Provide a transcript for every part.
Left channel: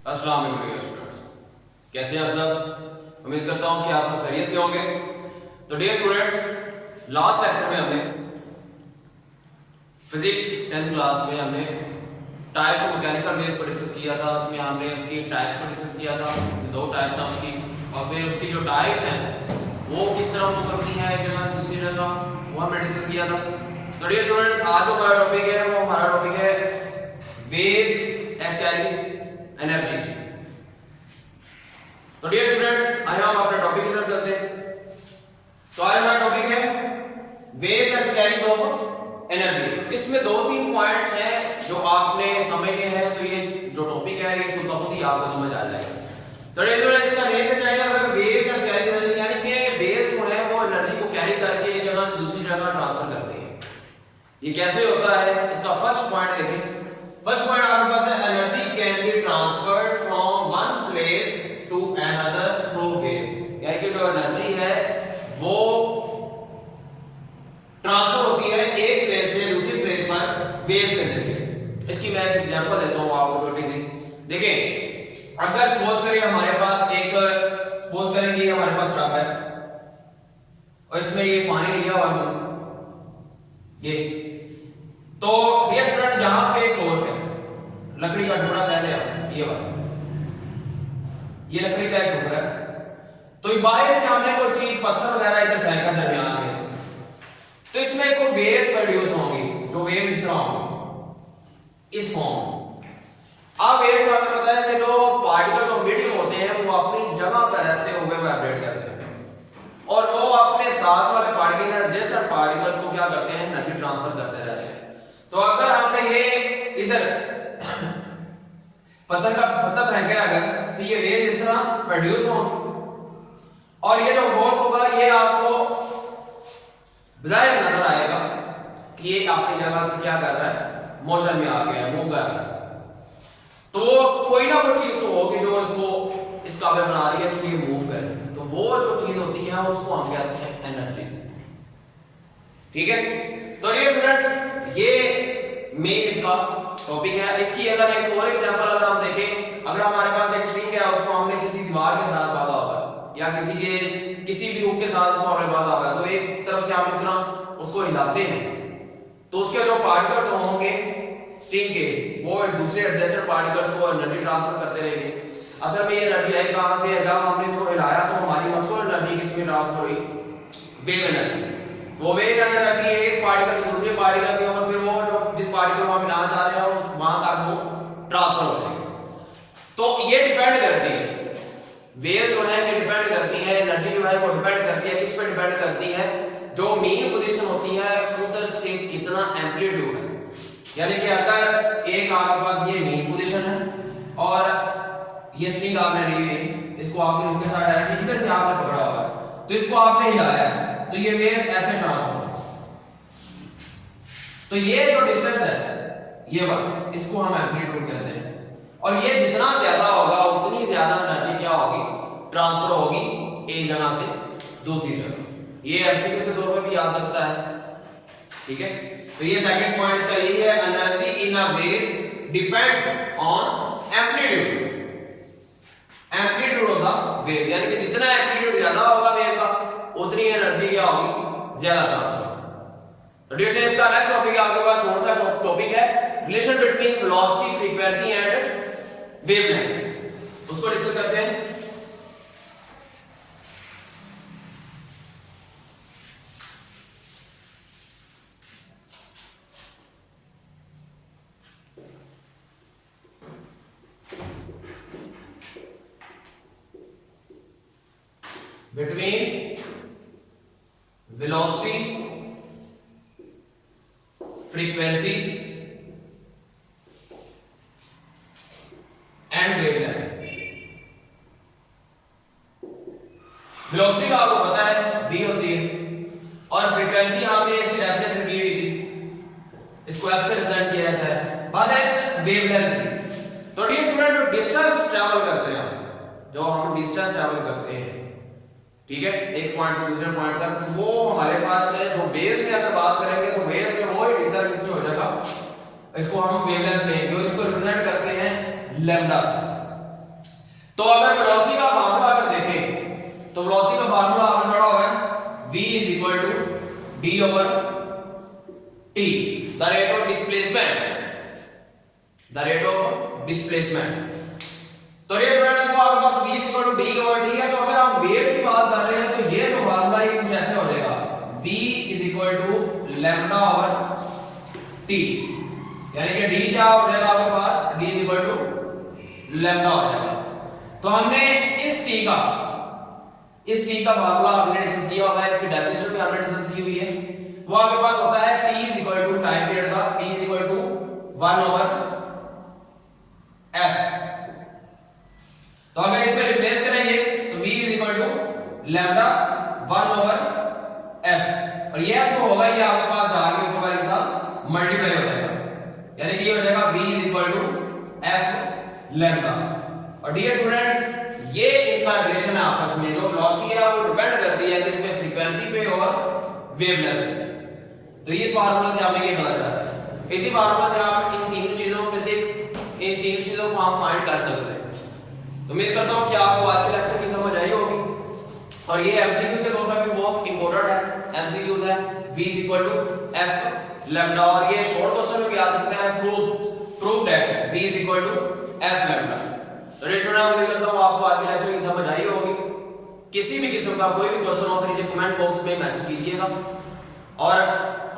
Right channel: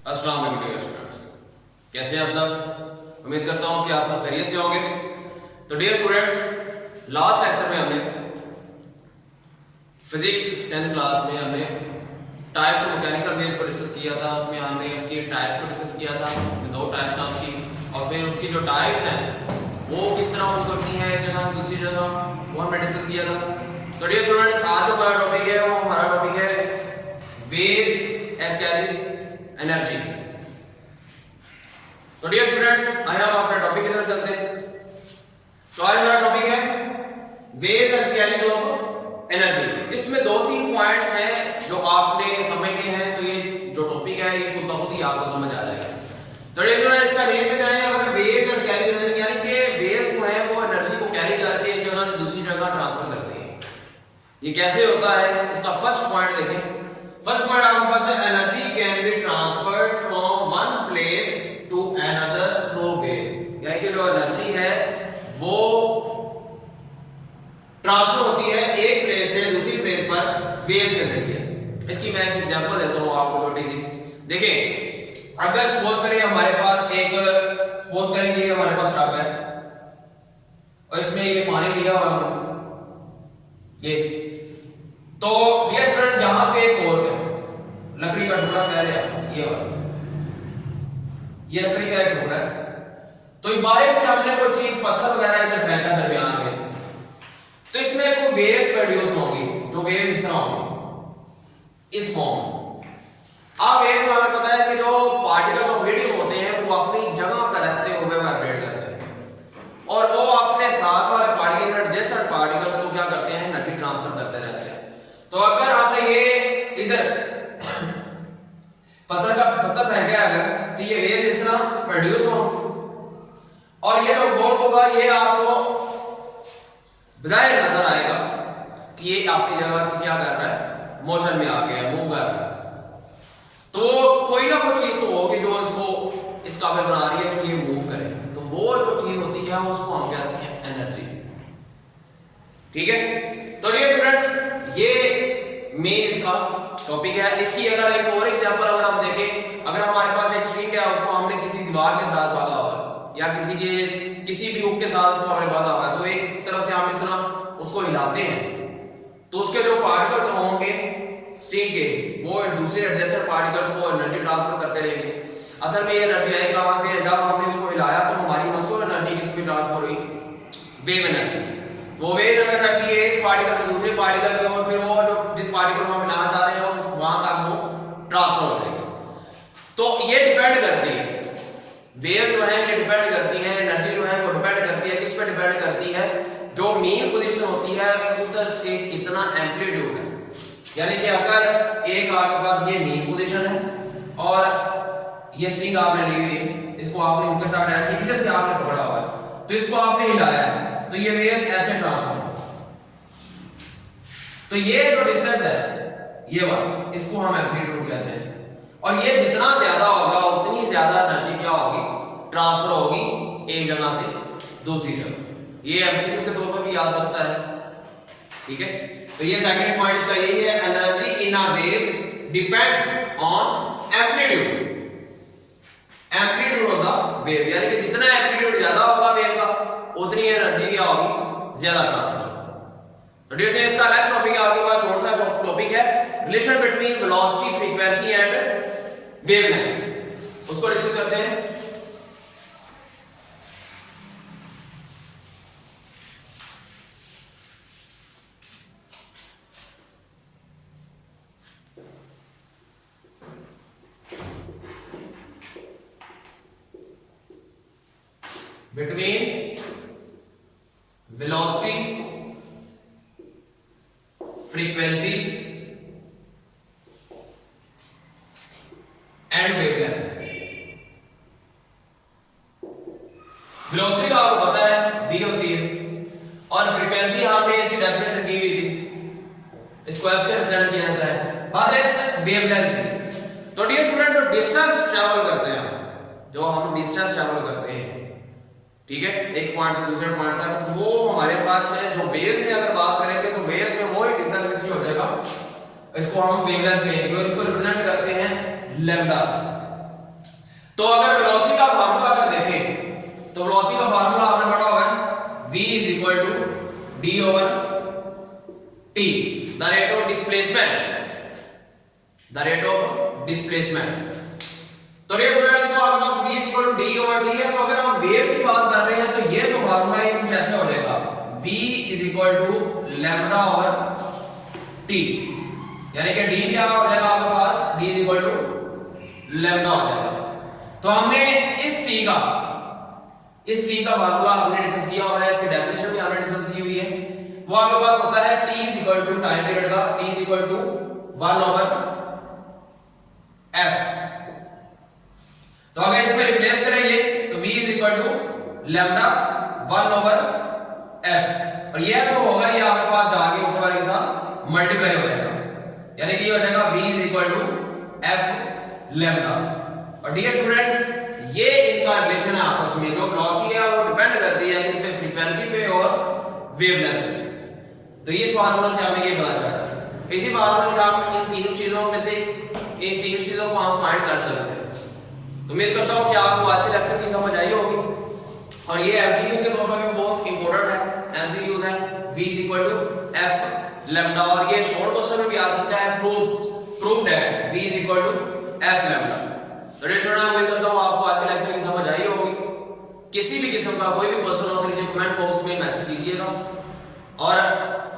अस्सलाम वालेकुम स्टूडेंट्स, कैसे हैं आप सब। उम्मीद करता हूं कि आप सब खैरियत से होंगे। तो डियर स्टूडेंट्स, लास्ट लेक्चर में हमने फिजिक्स 10th क्लास में हमने टाइप्स ऑफ मैकेनिकल वेव्स को डिस्कस किया था। उसमें हमने उसकी टाइप्स को डिस्कस किया था, दो टाइप्स हैं उसकी, और फिर उसकी जो टाइप्स हैं वो किस तरह मूव करती हैं एक जगह से दूसरी जगह, वो हमने डिस्कस किया था। तो डियर स्टूडेंट्स, आज जो हमारा टॉपिक है वो हमारा टॉपिक है वेव्स एज कैरिंग एनर्जी। तो डियर स्टूडेंट्स, आइए हम अपने टॉपिक की तरफ चलते हैं। तो आज हमारा टॉपिक है waves as carrying of energy. इसमें दो तीन पॉइंट्स हैं जो आपने समझने हैं, तो ये जो टॉपिक है ये खुद ब खुद ही आपको समझ आ जाएगा। तो डियर स्टूडेंट्स, इसका नेम पे जाए, अगर वेव एज कैरिंग एनर्जी यानी कि वेव्स जो है वो एनर्जी को कैरी करके एक जगह से दूसरी जगह ट्रांसफर करते हैं। ये कैसे होता है, इसका फर्स्ट पॉइंट देखें। फर्स्ट पॉइंट आपके पास है, energy can be transferred from one place to another through wave. यानी कि जो एनर्जी है वो ट्रांसफर होती है एक प्लेस से दूसरी प्लेस पर वेव्स के जरिए। इसकी मैं एक एग्जांपल देता हूं आपको छोटी सी। देखें, अगर सपोज करें हमारे पास सपोज करें कि हमारे पास टब है और इसमें ये पानी लिया हुआ हमने, ये तो डियर स्टूडेंट यहां पे एक और है लकड़ी का टुकड़ा कह रहे हैं, ये वाला, ये लकड़ी का एक टुकड़ा है। तो बाहर से हमने कोई चीज पत्थर वगैरह इधर फेंका दरमियान में से, तो इसमें कोई वेव्स प्रोड्यूस होंगी, जो वेव इस तरह होंगी इस फॉर्म। अब वेव्स का हमें पता है कि जो पार्टिकल्स ऑफ मीडियम होते हैं वो अपनी जगह पर रहते हुए वाइब्रेट करते हैं और वो अपने साथ वाले पार्टिकल एडजेसेंट पार्टिकल्स को क्या करते हैं, एनर्जी ट्रांसफर करते रहते हैं। तो अगर आपने ये इधर पत्थर फेंके अगर, तो ये वेव इस तरह प्रोड्यूस होंगे और ये जो बॉल होगा ये आपको बाहर नजर आएगा कि ये अपनी जगह से क्या कर रहा है, मोशन में आ गया है, मूव कर रहा है। तो कोई ना कोई चीज तो होगी जो इसको इस काबिल बना रही है कि ये मूव करे। तो वो जो चीज होती है उसको हम कहते हैं एनर्जी। ठीक है, तो ये स्टूडेंट्स ये मेन इसका टॉपिक है। इसकी अगर एक और एग्जांपल अगर हम देखें, अगर हमारे पास एक स्ट्रिंग है, उसको हमने किसी दीवार के साथ बांधा हुआ है या किसी भी हुक के साथ उसको हमने बांधा हुआ है, तो एक तरफ से हम इस तरह उसको हिलाते हैं तो उसके जो पार्टिकल्स होंगे स्ट्रिंग के वो दूसरे एडजेसेंट पार्टिकल्स को एनर्जी ट्रांसफर करते रहेंगे। असल में ये एनर्जी आई कहां से, जब हमने इसको हिलाया तो हमारी मसकुलर एनर्जी किसमें ट्रांसफर हुई, वेव एनर्जी। वो वेव एनर्जी एक पार्टिकल से दूसरे पार्टिकल से और फिर वो जो जिस पार्टिकल को हम हिलाना चाह रहे हैं वहां तक वो ट्रांसफर हो जाएगी। तो ये डिपेंड करती है, वेव जो है ये डिपेंड करती है, एनर्जी जो है वो डिपेंड करती है, किस पे डिपेंड करती है, जो मीन पोजीशन होती है उधर से कितना एम्पलीट्यूड है। यानी कि अगर एक आपके पास ये मीन पोजीशन है और ये स्ट्रिंग आपने ली हुई है, इसको आपने हुक के साथ डायरेक्ट इधर से आपने पकड़ा हुआ है, तो इसको आपने हिलाया तो ये वेव्स ऐसे ट्रांसफर हो। तो ये जो डिस्टेंस है ये वाला, इसको हम एम्पलीट्यूड कहते हैं। और ये जितना ज्यादा होगा उतनी ज्यादा एनर्जी क्या होगी, ट्रांसफर होगी एक जगह से दूसरी जगह। ये एमसीक्यू के तौर पे भी आ सकता है। ठीक है, तो ये सेकंड पॉइंट इसका यही है, energy in a wave depends on amplitude, amplitude of the wave. यानी कि जितना एम्पलीट्यूड ज्यादा होगा वेव का उतनी एनर्जी क्या होगी, ज्यादा ट्रांसफर होगी। तो डियर स्टूडेंट्स, इसका नेक्स्ट टॉपिक आपके पास कौन सा टॉपिक है, relation between velocity, frequency and wavelength, उसको डिस्कस करते हैं। Between velocity, frequency and wavelength. Velocity का आपको पता है v होती है और फ्रीक्वेंसी हमने इसकी डेफिनेशन दी हुई थी, इसको f से रिप्रेजेंट किया जाता है। बात है इस वेवलेंथ। तो डियर स्टूडेंट, जो डिस्टेंस ट्रैवल करते हैं, जो हम डिस्टेंस ट्रैवल करते हैं, ठीक है, एक पॉइंट से दूसरे पॉइंट तक, वो हमारे पास है। जो वेव्स में अगर बात करेंगे तो वेव्स में वो ही डिस्टेंस इसमें हो जाएगा, इसको हम वेवलेंथ कहेंगे और इसको रिप्रेजेंट करते हैं लैम्डा। तो अगर वेलोसिटी का फार्मूला अगर देखें तो वेलोसिटी का फार्मूला आपने पढ़ा होगा v is equal to d over t, the rate of displacement, the rate of displacement. तो ये स्टूडेंट को आपके पास v is equal to d over t है, तो अगर हम वेव्स की बात कर रहे हैं तो ये तो फार्मूला ही कुछ ऐसे हो जाएगा, v is equal to lambda over t, यानी कि d क्या हो जाएगा आपके पास, d is equal to lambda हो जाएगा। तो हमने इस t का फार्मूला हमने डिस्कस किया हुआ है, इसकी डेफिनेशन भी हमने डिस्कस की हुई है। वो आपके पास होता है t is equal to time period का, t is equal to 1 over f। तो अगर इसमें रिप्लेस करेंगे तो v is equal to lambda 1 over f, और ये जो होगा ये आपके पास जाके ऊपर वाले के साथ मल्टीप्लाई हो जाएगा, यानी कि ये हो जाएगा v is equal to f lambda. और डियर स्टूडेंट्स ये इनका रिलेशन है आपस में, जो वेलोसिटी है वो डिपेंड करती है किस पे, फ्रीक्वेंसी पे और वेवलेंथ पे। तो इस फार्मूला से हमें ये पता चला है, इसी फार्मूला से आप इन तीनों चीजों में से इन तीन चीजों को हम फाइंड कर सकते हैं। तो उम्मीद करता हूं कि आपको आज के लेक्चर की समझ आई होगी, और ये एमसीक्यूज के तौर पर भी बहुत इंपॉर्टेंट है, एमसीक्यूज है v is equal to f lambda, और ये शॉर्ट क्वेश्चन में भी आ सकता है, prove that v is equal to f lambda. तो उम्मीद करता हूँ आपको आज के लेक्चर की समझ आई होगी। किसी भी किस्म का कोई भी क्वेश्चन हो तो नीचे कमेंट बॉक्स में मैसेज कीजिएगा, और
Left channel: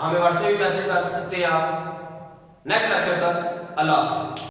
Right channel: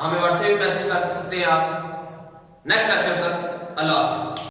हमें व्हाट्सएप पे मैसेज कर सकते हैं आप। नेक्स्ट लेक्चर तक अल्लाह हाफ़िज़।